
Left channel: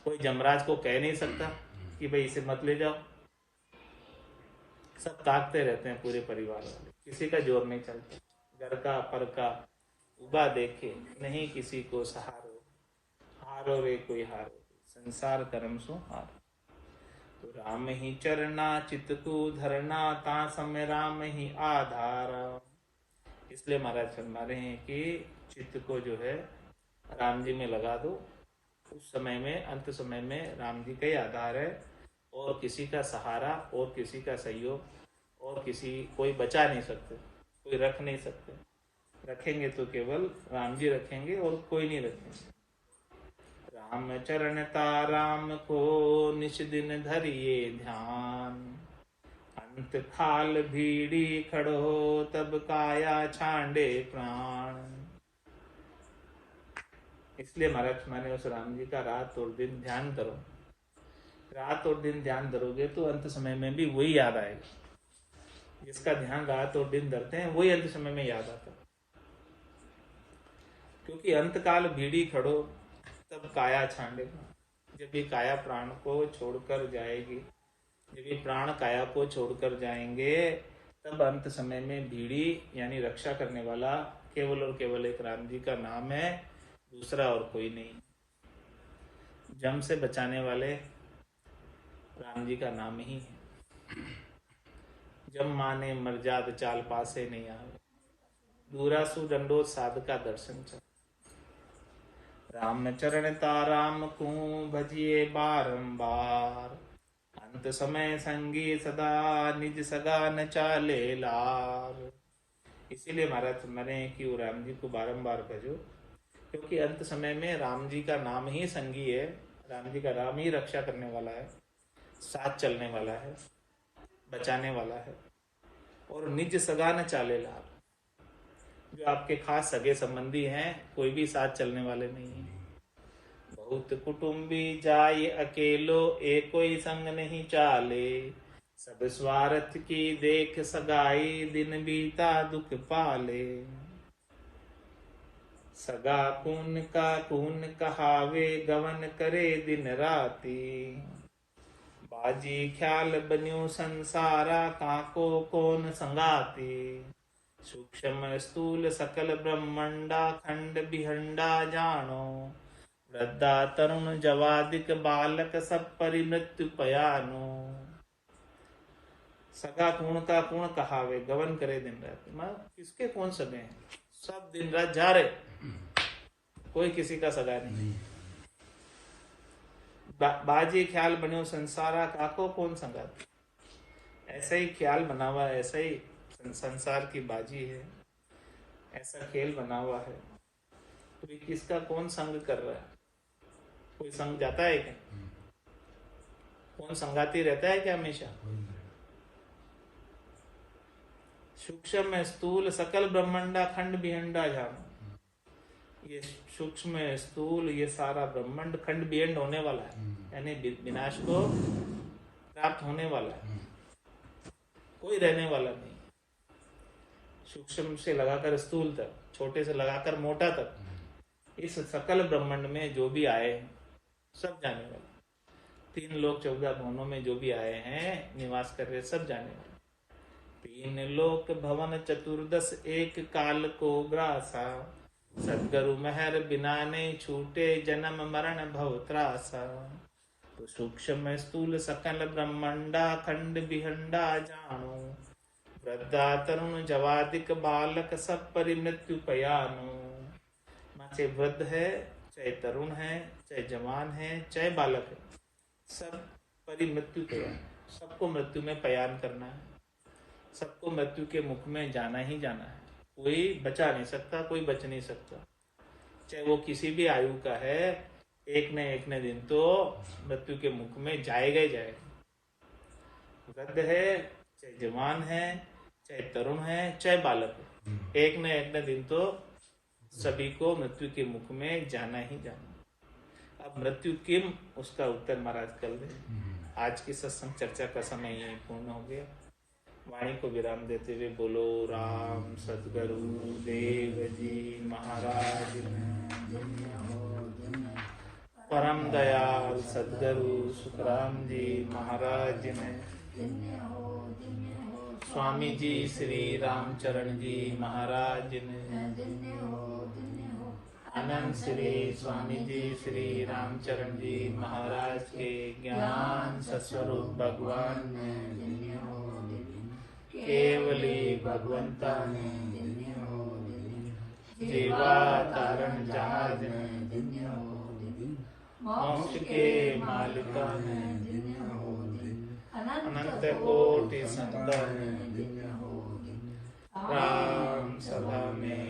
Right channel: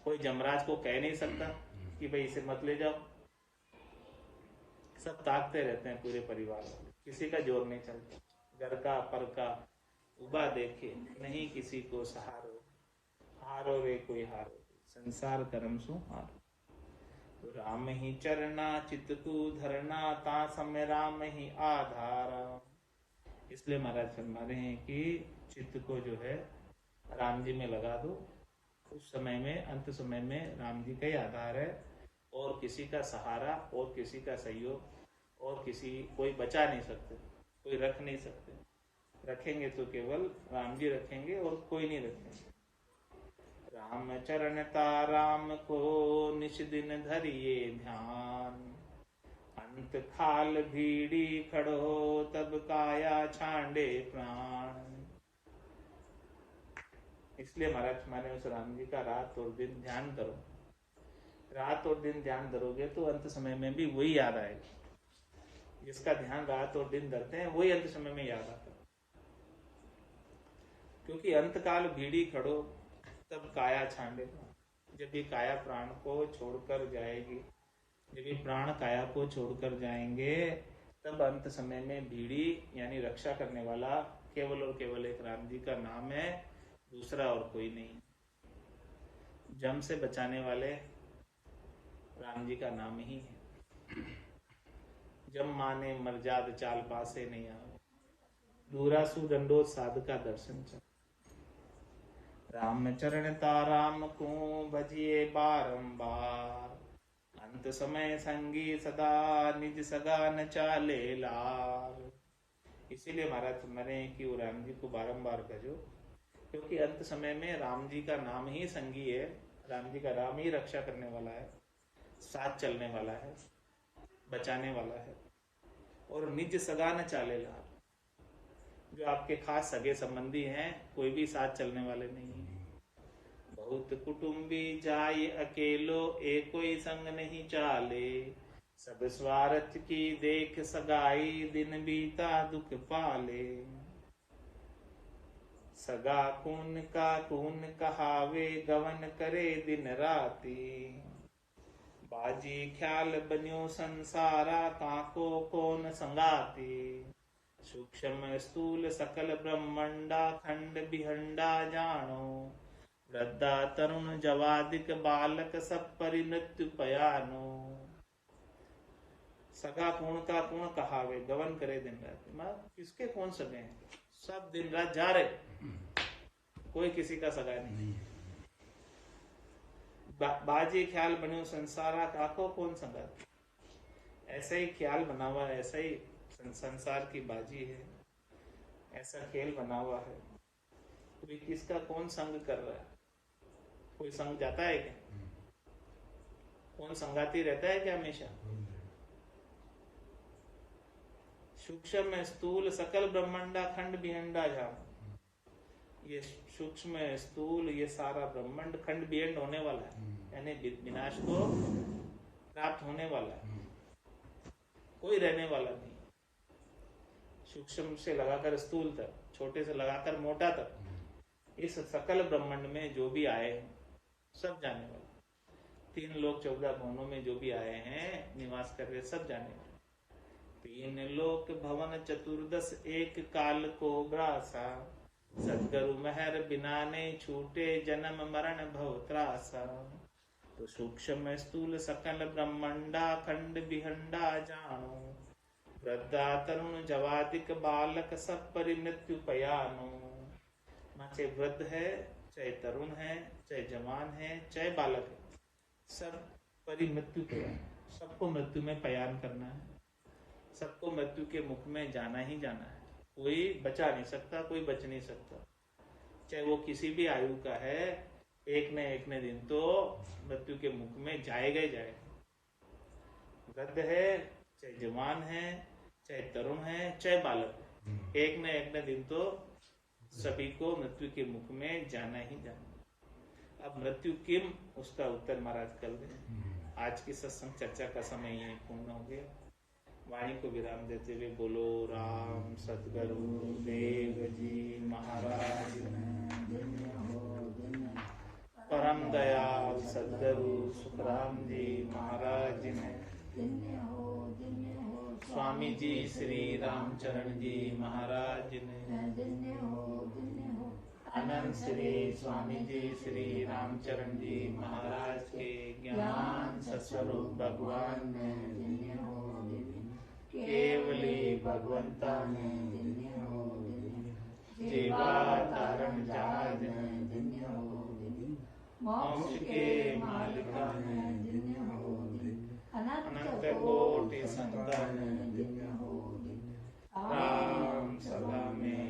कोई जमराज को कह नहीं सकता कि भाई इसे मत ले जाओ। सब ताकते रहते हैं पूरे परिवार वाले, किसी का जोर नहीं चलता। घर का पर का उबा देखे नहीं किसी को सहारो। हारो रे कोई हारो, संसार कर्म सो हारो। तो राम ही चरना चित्त को धरना ता समय राम ही आधारा। इसलिए महाराज फरमा रहे हैं कि चित्त को जो है राम जी में लगा दो। उस समय में, अंत समय में राम जी का ही आधार है, और किसी का सहारा और किसी का सहयोग और कोई बचा नहीं सकते, कोई रख नहीं सकते। रखेंगे तो केवल राम जी रखेंगे और कोई नहीं रखेंगे। राम चरण ताराम को निश दिन धरिए ध्यान। अंत खाल भीड़ी खड़ो तब काया छांडे प्राण। इसलिए महाराज माने उस राम जी का रात और दिन ध्यान करो। रात और दिन ध्यान धरोगे तो अंत समय में भी वही याद आएगा। जिसका ध्यान रात और दिन धरते हैं वही अंत समय में याद आता। क्योंकि अंत काल भीड़ी खड़ो तब काया छांडेगा। जब ये काया प्राण को छोड़कर जाएगी, जब ये प्राण काया को छोड़कर जाएंगे, तब अंत समय में भीड़ी यानी रक्षा करने वाला केवल और केवल एक राम जी का नाम है, दूसरा और कोई नहीं। जम से बचाने वाले राम जी का नाम ही है। जम माने मर्जाद चाल पासे नहीं आवे, दूरासु दंडोत साध का दर्शन चल। राम चरण ताराम को भजिए बारंबार। अंत समय संगी सदा निज सगा न चाले लार। इसीलिए महाराज मैंने कि वो राम जी को बारंबार भजो, क्योंकि अंत समय में राम जी का नाम ही संगी है। राम जी का नाम ही रक्षा करने वाला है, साथ चलने वाला है। बचाने वाला है। और निज सगा न चाले लाभ, जो आपके खास सगे संबंधी हैं कोई भी साथ चलने वाले नहीं है। बहुत कुटुंबी जाय अकेलो, एक कोई संग नहीं चाले, सब स्वार्थ की देख सगाई, दिन बीता दुख पाले। सगा खून का खून कहावे, गवन करे दिन राती, बाजी ख्याल बन्यो संसारा, काको कौन संगाती। सूक्ष्म स्थूल सकल ब्रह्मंडा, खंड बिहंडा जानो, वृद्धा तरुण जवादिक बालक, सब परिमृत्यु पयानो। सगा खून का खून कहावे, गवन करे दिन रात। मैं किसके कौन सगे हैं, सब दिन रात जा रहे, कोई किसी का सगा नहीं। बाजी ख्याल बन्यो संसारा, काको कौन संगात। ऐसा ही ख्याल बना हुआ है, ऐसा ही संसार की बाजी है, ऐसा खेल बना हुआ है, तो किसका कौन संग कर रहा है। कोई संग जाता है क्या, कौन संगाती रहता है क्या हमेशा। सूक्ष्म स्थूल सकल ब्रह्मंडा, खंड बिहंडा जानो, ये सूक्ष्म स्थूल ये सारा ब्रह्मांड खंड बिहंड होने वाला है, यानी विनाश को प्राप्त होने वाला है, कोई रहने वाला नहीं। सूक्ष्म से लगाकर स्थूल तक, छोटे से लगाकर मोटा तक, इस सकल ब्रह्मांड में जो भी आए सब जाने वाले। 3 लोक 14 भवनों में जो भी आए हैं निवास कर रहे, सब जाने वाले। 3 लोक भवन चतुर्दश, एक काल को ग्रासा, सद्गुरु मेहर बिना नहीं छूटे, जन्म मरण भव त्रासा। तो सूक्ष्म स्थूल सकल ब्रह्मंडा, खंड बिहंडा जानो, वृद्धा तरुण जवादिक बालक, सब परिमृत्यु पयानो। चाहे वृद्ध है, चाहे तरुण है, चाहे जवान है, चाहे बालक है, सब परिमृत्यु पयान, सबको मृत्यु में पयान करना है, सबको मृत्यु के मुख में जाना ही जाना है। कोई बचा नहीं सकता, कोई बच नहीं सकता, चाहे वो किसी भी आयु का है, एक न दिन तो मृत्यु के मुख में जाएगा ही जाएगा। वृद्ध है, चाहे जवान है, चाहे तरुण है, चाहे बालक है, एक न दिन तो सभी को मृत्यु के मुख में जाना ही जाना। अब मृत्यु किम, उसका उत्तर महाराज कल दे। आज की सत्संग चर्चा का समय यही पूर्ण हो गया। वाणी को विराम देते हुए बोलो राम सद्गुरु देव जी महाराज, परम दयाल सद्गुरु सुखराम जी महाराज ने, स्वामी जी श्री रामचरण जी महाराज ने, आनंद श्री स्वामी जी श्री रामचरण जी महाराज के ज्ञान सस्वरूप भगवान ने, केवली भगवंता ने, जीवा तारण जहाज ने, मोक्ष के मालिक ने, अनंत कोटि संत ने, राम सभा में